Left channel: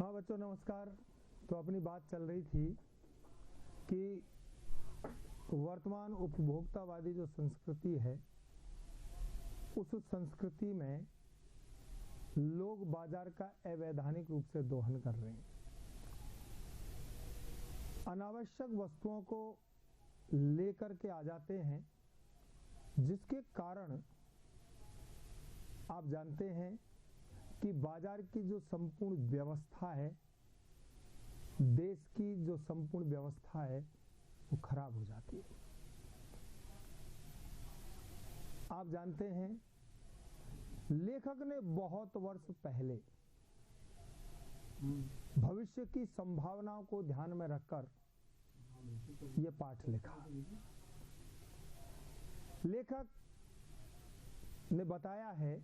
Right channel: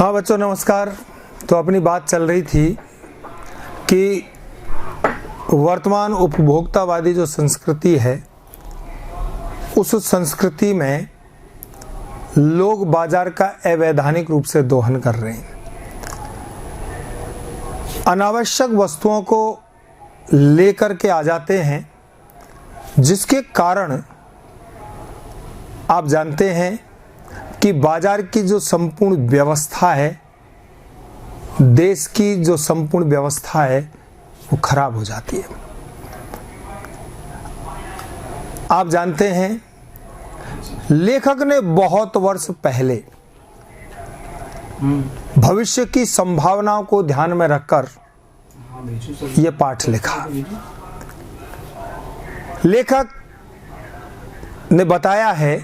हाँ बच्चों नमस्कार। तो अपनी बात चल रही थी कि वर्तमान उपभोक्तावादी जो संस्कृति है उस संस्कृति में लोग बाजार का अवैधानिक रूप से दोहन कर रहे हैं। अनावश्यक वस्तुओं को लेकर के आ जाते हैं, जिसके कारण आप जानते हैं कि बाजार की जो संपूर्ण व्यवस्था है, देश की जो संपूर्ण व्यवस्था है, वो खराब हो जाती है। आप जानते हैं लेखक ने बहुत वर्ष पहले भविष्य की संभावनाओं को ध्यान में रखकर यह पाठ लिखा। लेखक ने बताया है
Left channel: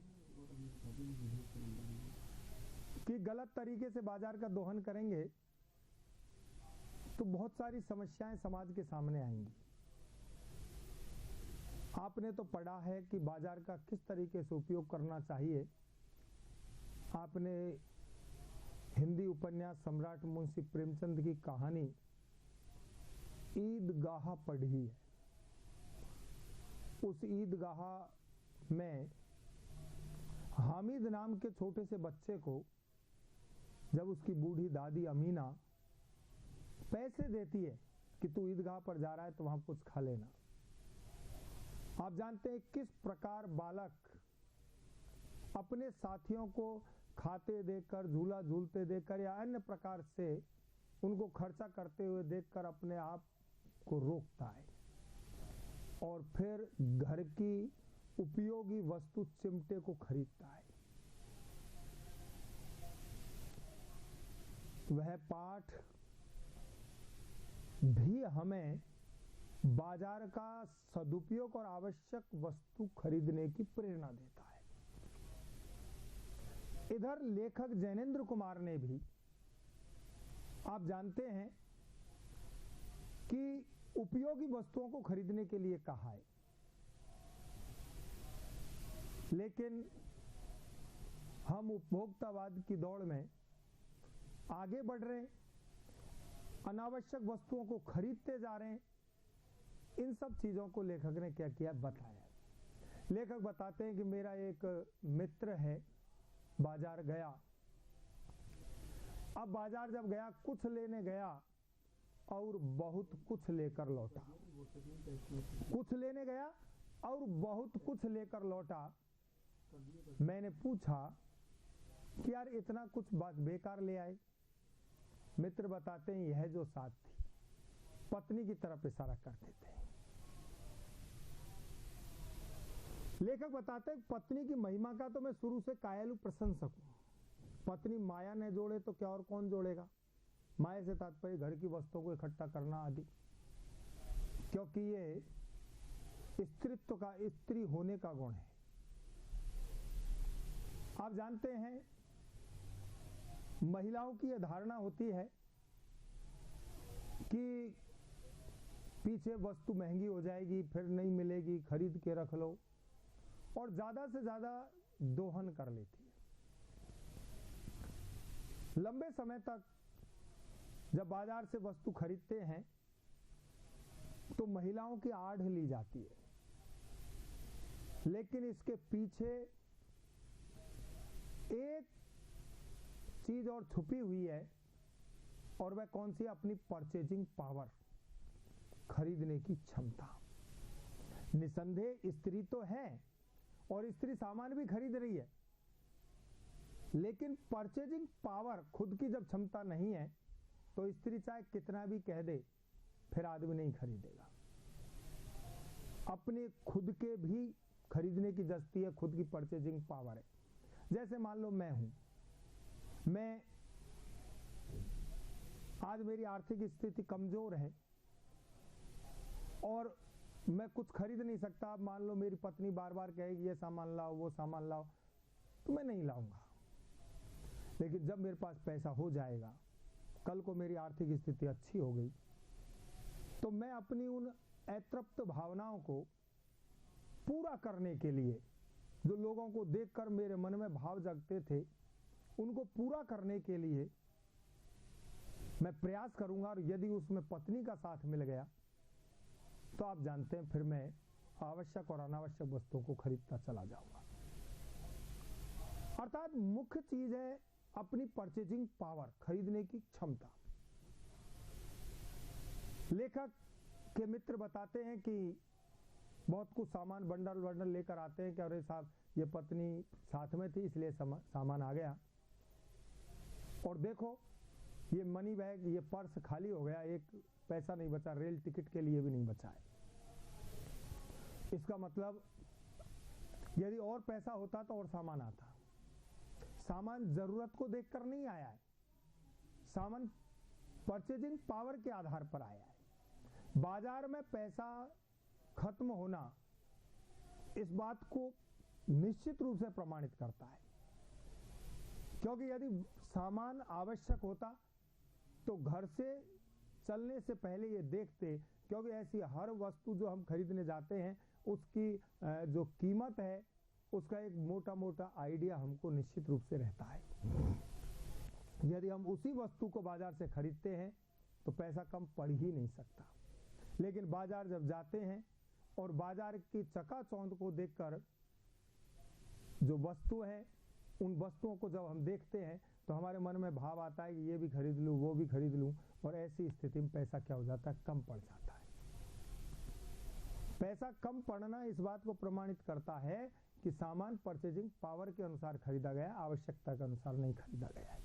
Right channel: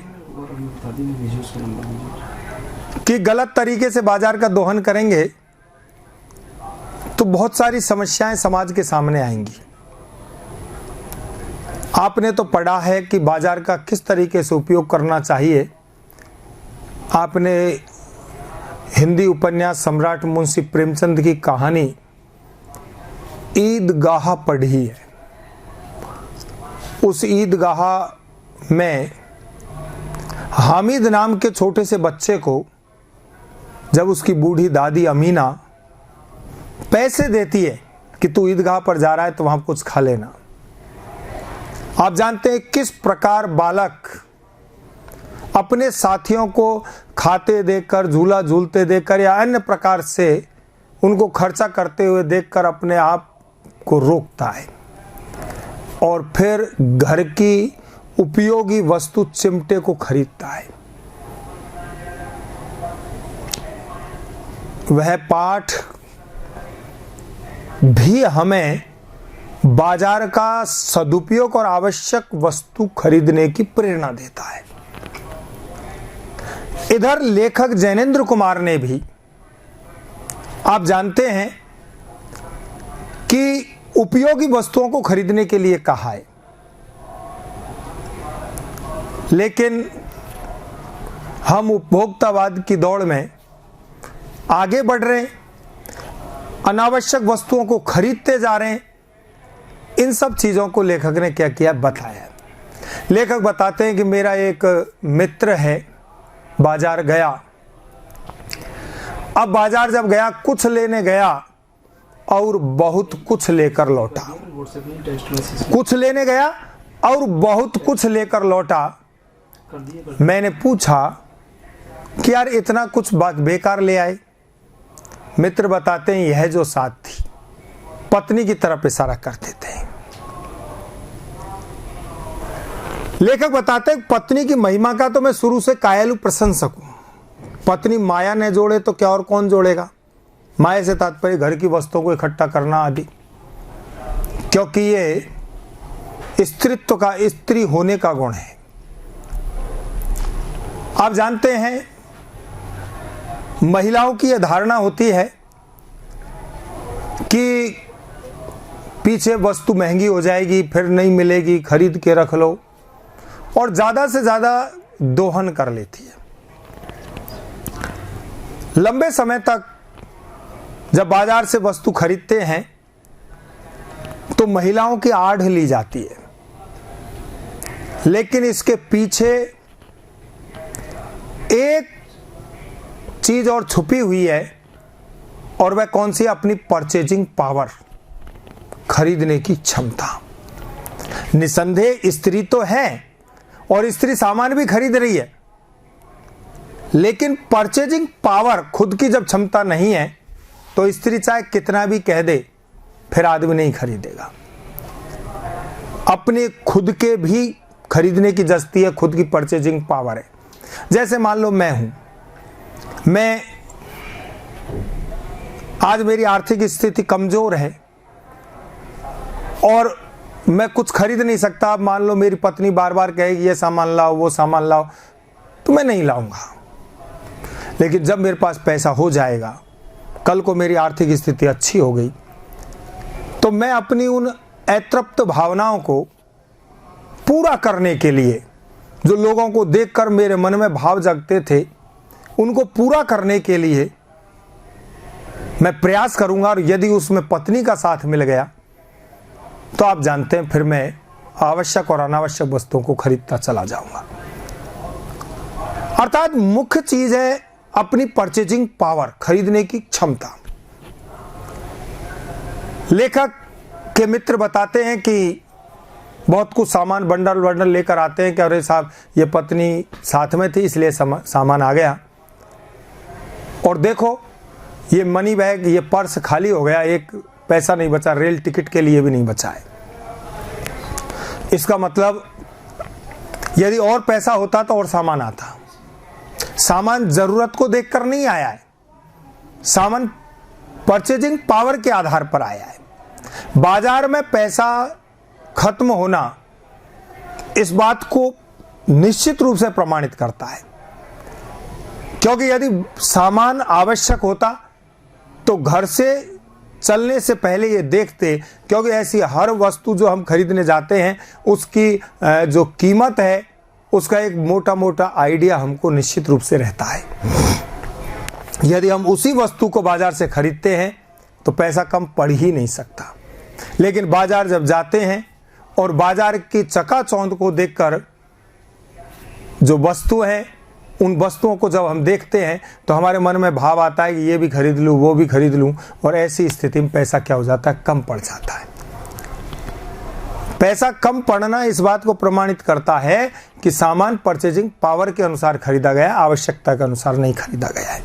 कि गलत तरीके से बाजार का दोहन करेंगे तो बहुत सारी समस्याएं समाज के सामने आएंगी। आपने तो पढ़ा है कि बाजार का किस तरीके से उपयोग करना चाहिए। आपने हिंदी उपन्यास सम्राट मुंशी प्रेमचंद की कहानी ईदगाह पढ़ी है। उस ईदगाह में हामिद नाम के छोटे से बच्चे को जब उसकी बूढ़ी दादी अमीना पैसे देती है कि तू ईदगाह पर जा रहा है तो वहां कुछ खा लेना, आप जानते हैं किस प्रकार बालक अपने साथियों को खाते देखकर, झूला झूलते देखकर या अन्य प्रकार से उनको खर्चा करते हुए देखकर अपने आप को रोकता है और फिर घर की उपयोगी वस्तु चिमटे को खरीदता है। वह पाठ भी हमें बाजार का सदुपयोग और आवश्यक वस्तु खरीदने की प्रेरणा देता है। इधर लेखक जैनेंद्र कुमार ने भी, आप जानते हैं कि उपयोगी वस्तुओं को खरीदने के लिए कहा है, लेकिन हम उपभोक्तावाद की दौड़ में आगे बढ़ रहे हैं, अनावश्यक वस्तुओं को खरीदते जा रहे हैं। इन सब चीजों को लेखक ने क्या किया बताया। लेखक बताते हैं कि मेरा एक मित्र है, बाजार गया। अब बाजार जब गया, कुछ लेने गया और बहुत कुछ लेकर लौटा। कुछ लेने गया और बहुत कुछ लेकर लौटा। मैंने पूछा कि यार इतना कुछ बेकार ले आए। मित्र बताते हैं यह जो साथ थी पत्नी की तरफ इशारा करते थे। लेखक बताते हैं पत्नी की महिमा का तो मैं शुरू से कायल प्रशंसक हूं। पत्नी माया ने जोड़े तो क्या और कौन जोड़ेगा। माया से तात्पर्य घर की वस्तुओं को इकट्ठा करना आदि, क्योंकि ये स्त्रीत्व का, स्त्री होने का गुण है। आप जानते हैं महिलाओं की यह धारणा होती है कि पीछे वस्तु महंगी हो जाएगी, फिर नहीं मिलेगी, खरीद के रख लो, और ज्यादा से ज्यादा दोहन कर लेती है। लंबे समय तक जब बाजार से वस्तु खरीदते हैं तो महिलाओं की आड़ ली जाती है, लेकिन इसके पीछे एक चीज और छुपी हुई है, और वह कौन सी? अपनी परचेजिंग पावर, खरीदने की क्षमता। निसंदेह स्त्री तो है और स्त्री सामान भी खरीद रही है, लेकिन परचेजिंग पावर, खुद की जब क्षमता नहीं है तो स्त्री चाहे कितना भी कह दे फिर आदमी नहीं खरीदेगा। अपने खुद के भी खरीदने की जस्ती है, खुद की परचेजिंग पावर है। जैसे मान लो मैं आज मेरी आर्थिक स्थिति कमजोर है और मैं कुछ खरीद नहीं सकता। अब मान लो मेरी पत्नी बार बार कहेगी ये सामान लाओ, वो सामान लाओ, तो मैं नहीं लाऊंगा। लेकिन जब मेरे पास पैसा हो जाएगा, कल को मेरी आर्थिक स्थिति अच्छी हो गई, तो मैं अपनी उन अतृप्त भावनाओं को पूरा करने के लिए, जो लोगों को देखकर मेरे मन में भाव जगते थे, उनको पूरा करने के लिए मैं प्रयास करूंगा और यदि उसमें पत्नी का साथ मिल गया तो आप जानते हैं फिर मैं आवश्यक और अनावश्यक वस्तुओं को खरीदता चला जाऊंगा। अर्थात मुख्य चीज है अपनी परचेजिंग पावर, खरीदने की क्षमता। लेखक के मित्र बताते हैं कि बहुत कुछ सामान बंडल बंडल लेकर आते हैं कि अरे साहब ये पत्नी साथ में थी इसलिए सामान आ गया, और देखो ये मनी बैग, ये पर्स खाली हो गया, एक पैसा नहीं बचा, रेल टिकट के लिए भी नहीं बचा है। इसका मतलब यदि और पैसा होता तो और सामान आता। सामान जरूरत को देखकर नहीं आया है, सामान परचेजिंग पावर के आधार पर आया है। बाजार में पैसा खत्म होना इस बात को निश्चित रूप से प्रमाणित करता है, क्योंकि यदि सामान आवश्यक होता तो घर से चलने से पहले ये देखते, क्योंकि ऐसी हर वस्तु जो हम खरीदने जाते हैं उसकी जो कीमत है उसका एक मोटा मोटा आइडिया हमको निश्चित रूप से रहता है। यदि हम उसी वस्तु को बाजार से खरीदते हैं तो पैसा कम पड़ ही नहीं सकता। लेकिन बाजार जब जाते हैं और बाजार की चकाचौंध को देखकर जो वस्तु है, उन वस्तुओं को जब हम देखते हैं तो हमारे मन में भाव आता है कि ये भी खरीद लूँ, वो भी खरीद लूँ, और ऐसी स्थिति में पैसा क्या हो जाता है, कम पड़ जाता है। पैसा कम पड़ना इस बात को प्रमाणित करता है कि सामान परचेजिंग पावर के अनुसार खरीदा गया, आवश्यकता के अनुसार नहीं खरीदा गया है।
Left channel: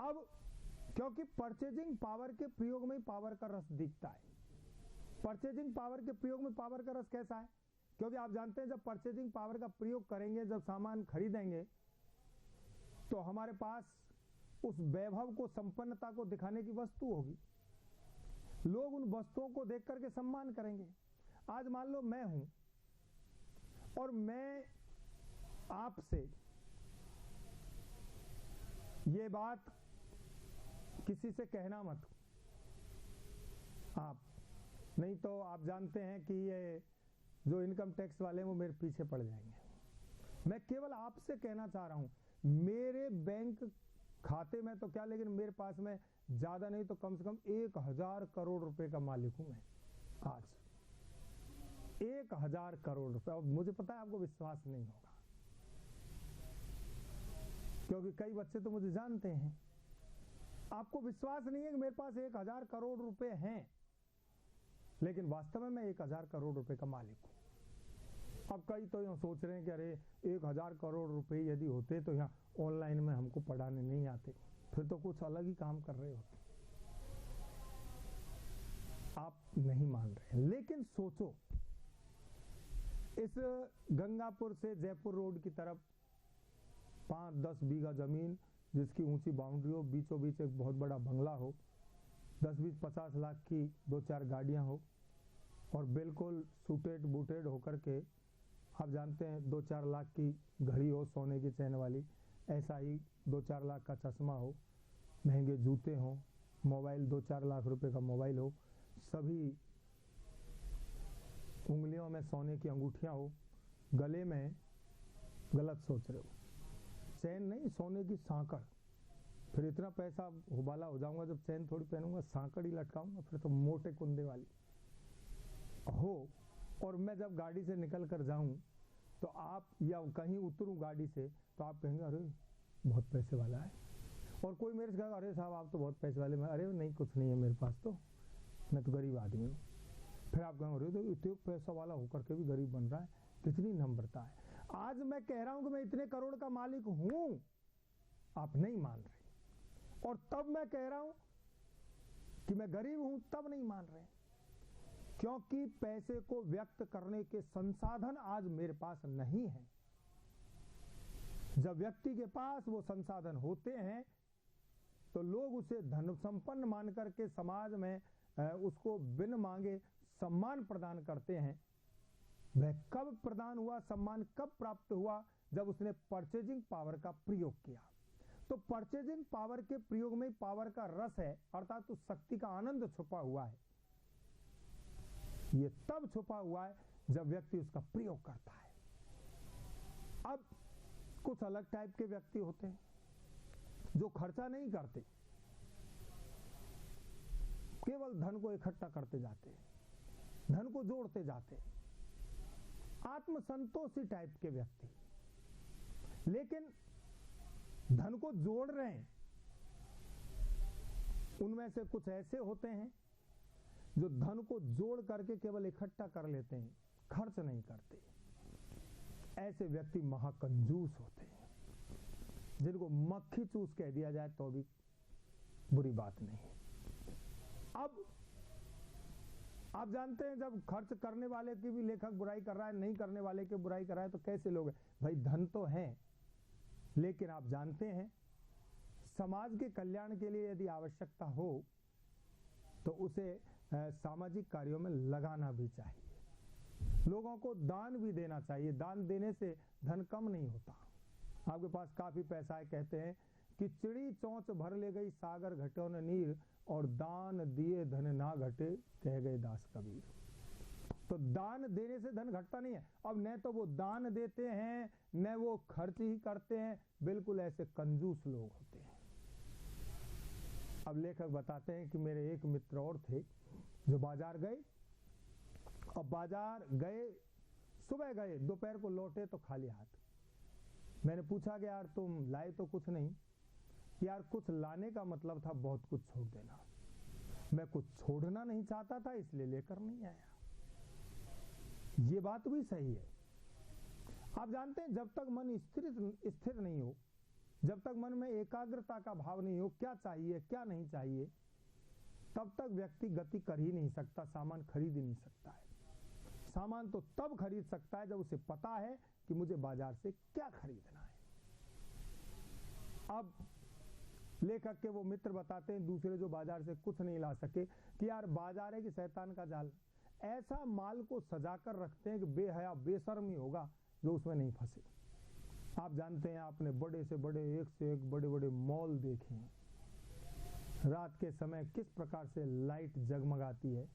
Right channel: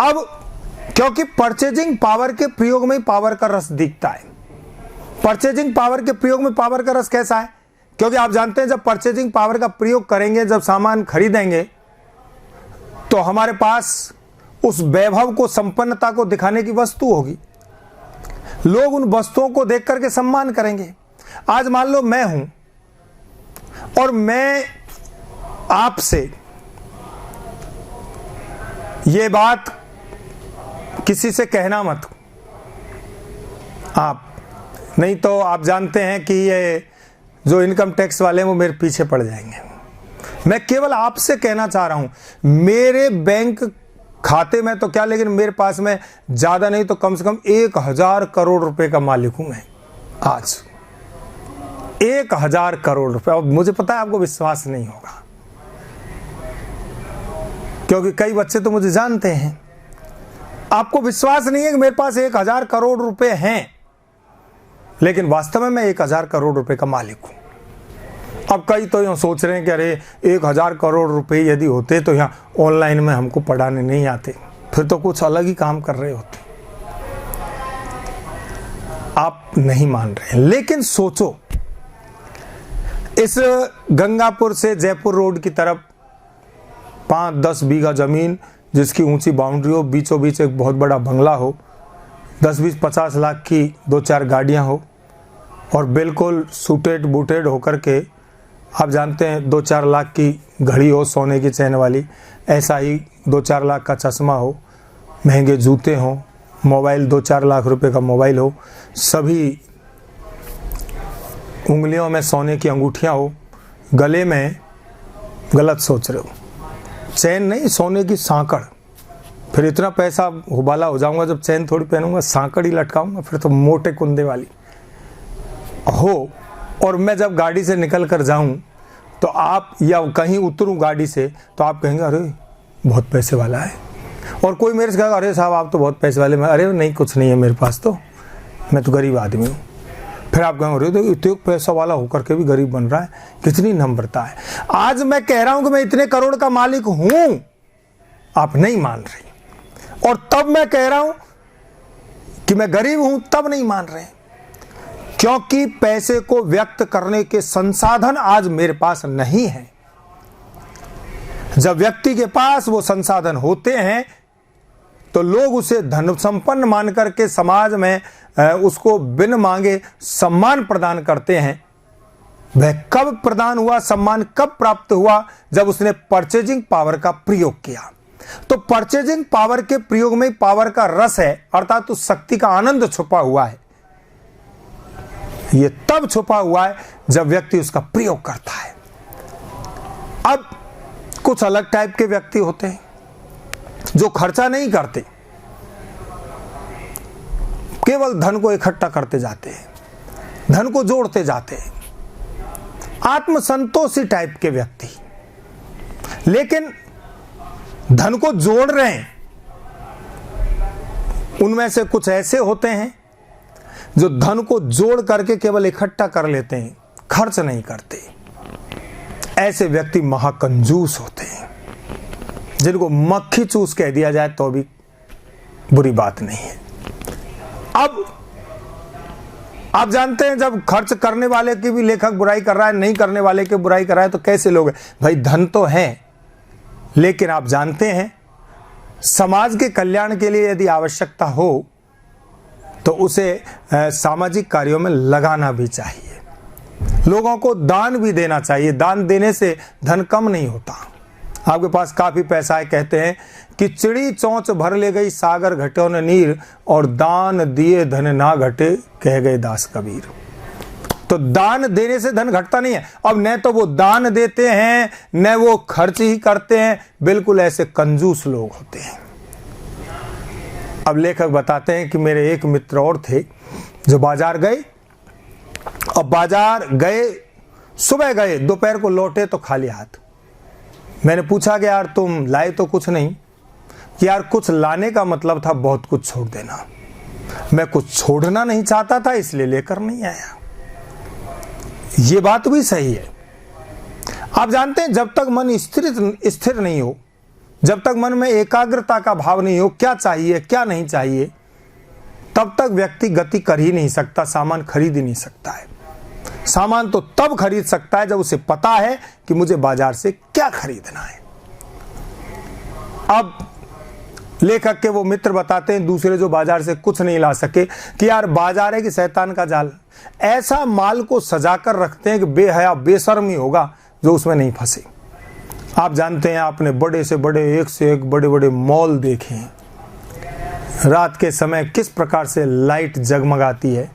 अब क्योंकि परचेजिंग पावर के प्रयोग में पावर का रस दिखता है। परचेजिंग पावर के प्रयोग में पावर का रस कैसा है? क्योंकि आप जानते हैं जब परचेजिंग पावर का प्रयोग करेंगे, जब सामान खरीदेंगे, तो हमारे पास उस वैभव को, संपन्नता को दिखाने की वस्तु होगी। लोग उन वस्तुओं को देख करके सम्मान करेंगे। आज मान लो मैं हूं और मैं आपसे ये बात किसी से कहना मत, आप नहीं तो आप जानते हैं कि ये जो इनकम टैक्स वाले हैं वो मेरे पीछे पड़ जाएंगे। मैं केवल आपसे कहना चाह रहा हूं, मेरे बैंक खाते में तो क्या, लेकिन मेरे पास में ज्यादा नहीं तो कम से कम 1000 करोड़ रुपए का मालिक हूं मैं आज। 1000 करोड़ रुपए। अब मुझे पता है आपको विश्वास नहीं होगा, क्योंकि कई बच्चे तो मुझे जानते हैं। आपको विश्वास नहीं है कि मेरे पास 1000 करोड़ रुपए हैं, लेकिन वास्तव में मैं 1000 करोड़ रुपए का मालिक हूं। अब कई तो यूँ सोच रहे हैं कि अरे 1000 करोड़ रुपए यदि होते तो यहाँ ऑनलाइन में हमको पढ़ाने नहीं आते, फिर तो कुछ अलग ही काम कर रहे होते। आप नहीं मान रहे, लेकिन सोचो, इस गंगापुर से जयपुर रोड की तरफ 5-10 बीघा जमीन जिसकी ऊंची बाउंड्री हो, बीचों बीच एक बहुत बड़ा बंगला हो, 10-20-50 लाख की 2-4 गाड़ियां हो, और बिल्कुल सूटेड बूटेड होकर के, आप जानते हैं 2-4 लाख की घड़ी हो सोने की चैन वाली, ऐसा ही 2-4 लाख का चश्मा हो, महंगे जूते हों, मोबाइल 2-4 लाख रुपए का मोबाइल हो, सभी उंगलियों में सोने की अंगूठियां हो, गले में, गलत सोच रहे हो, चैन नहीं, सोने की सांकड़। फिर इतना पैसा हुबाला हो जाऊंगा जब चैन थोड़ी पहनूंगा, सांकड़ ही लटकाऊंगा, फिर तो मोटे कुंदे वाली हो। और मैं जब गाड़ी से निकल कर जाऊं तो आप, या कहीं उतरूं गाड़ी से तो आप कहेंगे अरे बहुत पैसे वाला है, और कोई मेरे से कहेगा अरे साहब आप तो बहुत पैसे वाले। मैं अरे नहीं, कुछ नहीं है मेरे पास, तो मैं तो गरीब आदमी हूँ। फिर आप कहेंगे अरे तो इतने पैसा वाला होकर के भी गरीब बन रहा है, कितनी नम्रता है। आज मैं कह रहा हूं कि मैं इतने करोड़ का मालिक हूं, आप नहीं मान रहे, और तब मैं कह रहा हूं कि मैं गरीब हूं, तब नहीं मान रहे, क्योंकि पैसे को व्यक्त करने के संसाधन आज मेरे पास नहीं है। जब व्यक्ति के पास वो संसाधन होते हैं तो लोग उसे धन संपन्न मान करके समाज में उसको बिन मांगे सम्मान प्रदान करते हैं। वह कब प्रदान हुआ, सम्मान कब प्राप्त हुआ? जब उसने परचेजिंग पावर का प्रयोग किया। तो परचेजिंग पावर के प्रयोग में पावर का रस है, अर्थात उस शक्ति का आनंद छुपा हुआ है। यह तब छुपा हुआ है जब व्यक्ति उसका प्रयोग करता है। अब कुछ अलग टाइप के व्यक्ति होते हैं जो खर्चा नहीं करते, केवल धन को इकट्ठा करते जाते हैं, धन को जोड़ते जाते हैं, आत्मसंतोषी टाइप के व्यक्ति। लेकिन धन को जोड़ रहे हैं, उनमें से कुछ ऐसे होते हैं जो धन को जोड़ करके केवल इकट्ठा कर लेते हैं, खर्च नहीं करते। ऐसे व्यक्ति महाकंजूस होते हैं, जिनको मक्खी चूस कह दिया जाए तो भी बुरी बात नहीं है। अब आप जानते हैं, जब खर्च करने वाले की भी लेखक बुराई कर रहा है, नहीं करने वाले की बुराई कर रहा है, तो कैसे लोग हैं भाई? धन तो है, लेकिन आप जानते हैं समाज के कल्याण के लिए यदि आवश्यकता हो तो उसे सामाजिक कार्यों में लगाना भी चाहिए, लोगों को दान भी देना चाहिए। दान देने से धन कम नहीं होता। आपके पास काफी पैसा है, कहते हैं कि चिड़ी चोंच भर ले गई सागर घटो न नीर, और दान दिए धन ना घटे कह गए दास कबीर। तो दान देने से धन घटता नहीं है। अब न तो वो दान देते हैं, न वो खर्च ही करते हैं, बिल्कुल ऐसे कंजूस लोग होते हैं। अब लेखक बताते हैं कि मेरे एक मित्र और थे जो बाजार गए, और बाजार गए, सुबह गए, दोपहर को लौटे तो खाली हाथ। मैंने पूछा कि यार तुम लाए तो कुछ नहीं? कि यार कुछ लाने का मतलब था बहुत कुछ छोड़ देना। मैं कुछ छोड़ना नहीं चाहता था, इसलिए लेकर नहीं आया। ये बात भी सही है। आप जानते हैं, जब तक मन स्थिर नहीं हो, जब तक मन में एकाग्रता का भाव नहीं हो, क्या चाहिए क्या नहीं चाहिए, तब तक व्यक्ति गति कर ही नहीं सकता, सामान खरीद ही नहीं सकता है। सामान तो तब खरीद सकता है जब उसे पता है कि मुझे बाजार से क्या खरीदना है। अब लेखक के वो मित्र बताते हैं, दूसरे जो बाजार से कुछ नहीं ला सके, कि यार बाजार है कि शैतान का जाल, ऐसा माल को सजाकर रखते हैं कि बेहया बेशर्मी होगा जो उसमें नहीं फंसे। आप जानते हैं, आपने बड़े से बड़े, एक से एक बड़े बड़े मॉल देखे हैं। रात के समय किस प्रकार से लाइट जगमगाती है,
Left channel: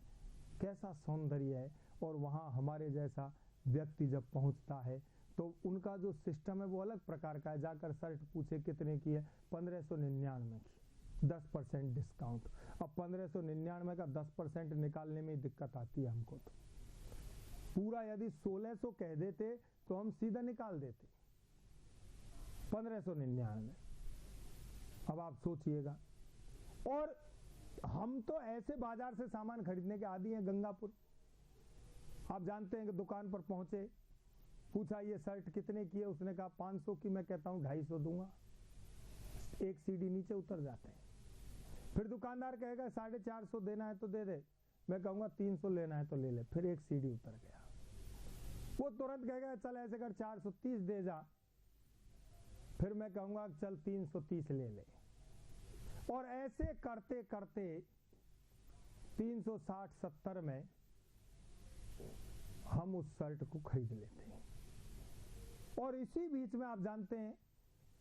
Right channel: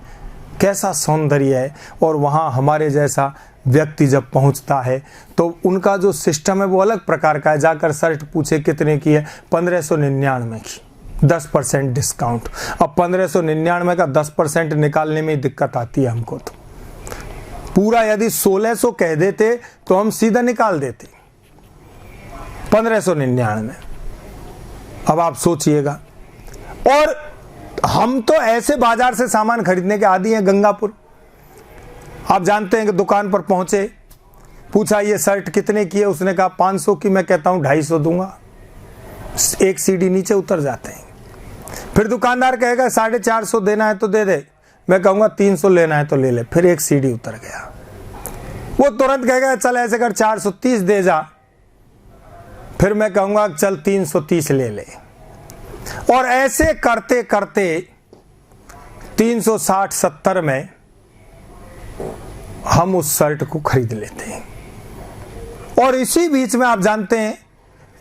कैसा सौंदर्य है, और वहाँ हमारे जैसा व्यक्ति जब पहुँचता है तो उनका जो सिस्टम है वो अलग प्रकार का है। जाकर शर्ट पूछे कितने की है, 1599 की, 10% डिस्काउंट। अब 1599 का 10% निकालने में दिक्कत आती है हमको। तो पूरा यदि 1600 कह देते तो हम सीधा निकाल देते, 1599। अब आप सोचिएगा। और हम तो ऐसे बाजार से सामान खरीदने के आदी हैं। गंगापुर, आप जानते हैं कि दुकान पर पहुंचे, पूछा ये शर्ट कितने की है, उसने कहा 500 की। मैं कहता हूं 250 दूंगा, एक सीढ़ी नीचे उतर जाते हैं। फिर दुकानदार कहेगा 450 देना है तो दे दे, मैं कहूंगा 300 लेना है तो ले ले, फिर एक सीढ़ी उतर गया। वो तुरंत कहेगा चल ऐसे कर 430 दे जा, फिर मैं कहूंगा चल 330 ले ले। और ऐसे करते करते 360-70 में हम उस शर्ट को खरीद लेते हैं। और इसी बीच में आप जानते हैं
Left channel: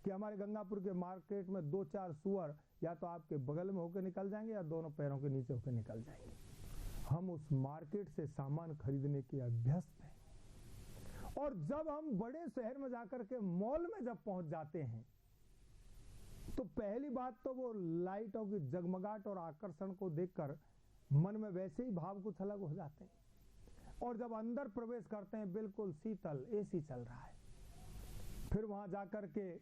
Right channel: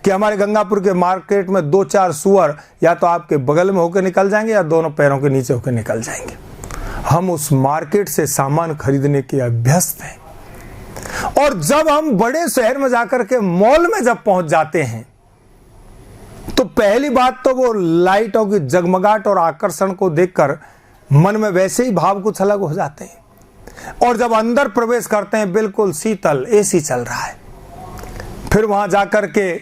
कि हमारे गंगापुर के मार्केट में 2-4 सुअर या तो आपके बगल में होकर निकल जाएंगे या दोनों पैरों के नीचे होकर निकल जाएंगे। हम उस मार्केट से सामान खरीदने के अभ्यस्त हैं। और जब हम बड़े शहर में जाकर के मॉल में जब पहुंच जाते हैं तो पहली बात तो वो लाइटों की जगमगाहट और आकर्षण को देखकर मन में वैसे ही भाव कुछ अलग हो जाते हैं। और जब अंदर प्रवेश करते हैं, बिल्कुल शीतल एसी चल रहा है। फिर वहां जाकर के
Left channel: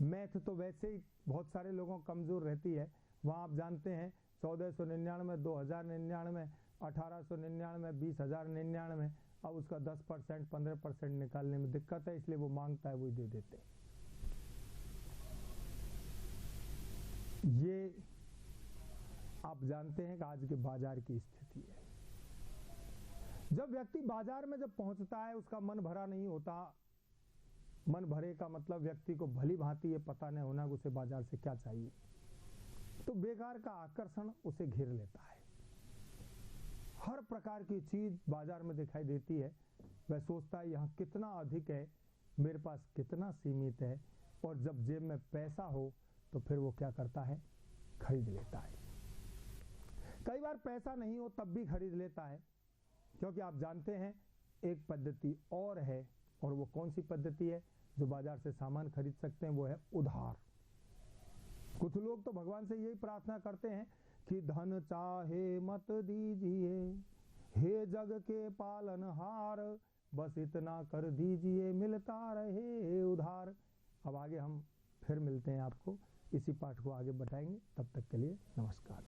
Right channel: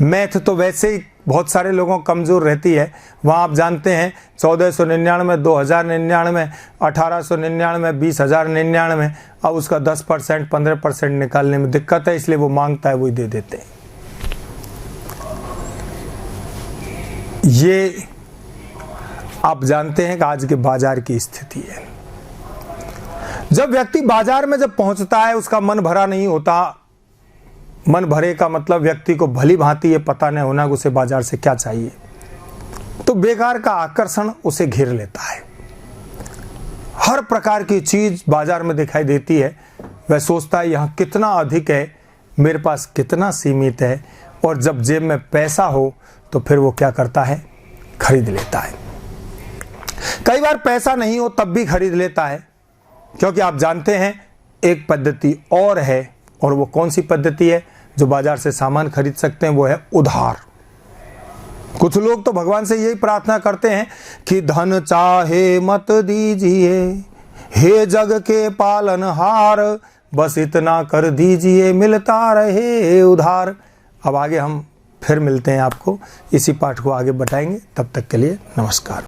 मैथ तो वैसे ही बहुत सारे लोगों कमजोर रहती है। वहां आप जानते हैं 1499, 2099, 1899, 20,099। अब उसका 10%, 15% निकालने में दिक्कत है, इसलिए वो मांगता है, वही दे देते हैं। ये आप जानते हैं कि आज के बाजार की स्थिति है। जब व्यक्ति बाजार में जब पहुंचता है, उसका मन भरा नहीं होता। मन भरे का मतलब व्यक्ति को भली भांति ये पता नहीं होना कि उसे बाजार से क्या चाहिए, तो बेकार का आकर्षण उसे घेर लेता है। हर प्रकार की चीज बाजार में दिखाई देती है। वह सोचता है यहाँ कितना अधिक है, मेरे पास कितना सीमित है। और जब जेब में पैसा हो तो फिर वो क्या करता है, खरीद लेता है। कई बार पैसा नहीं हो तब भी खरीद लेता है, क्योंकि आप जानते हैं एक पद्धति और है। और वो कौन सी पद्धति है जो बाजार से सामान खरीद सकते हैं? वो है उधार। कुछ लोग तो भगवान से यही प्रार्थना करते हैं कि धन चाहे मत दीजिए, हे जग के पालनहार, बस इतना कर दीजिए मिलता रहे उधार। अब आगे हम फिर मिलते हैं, आपको इसी पाठ को आगे बताएंगे। तब तक के लिए नमस्कार।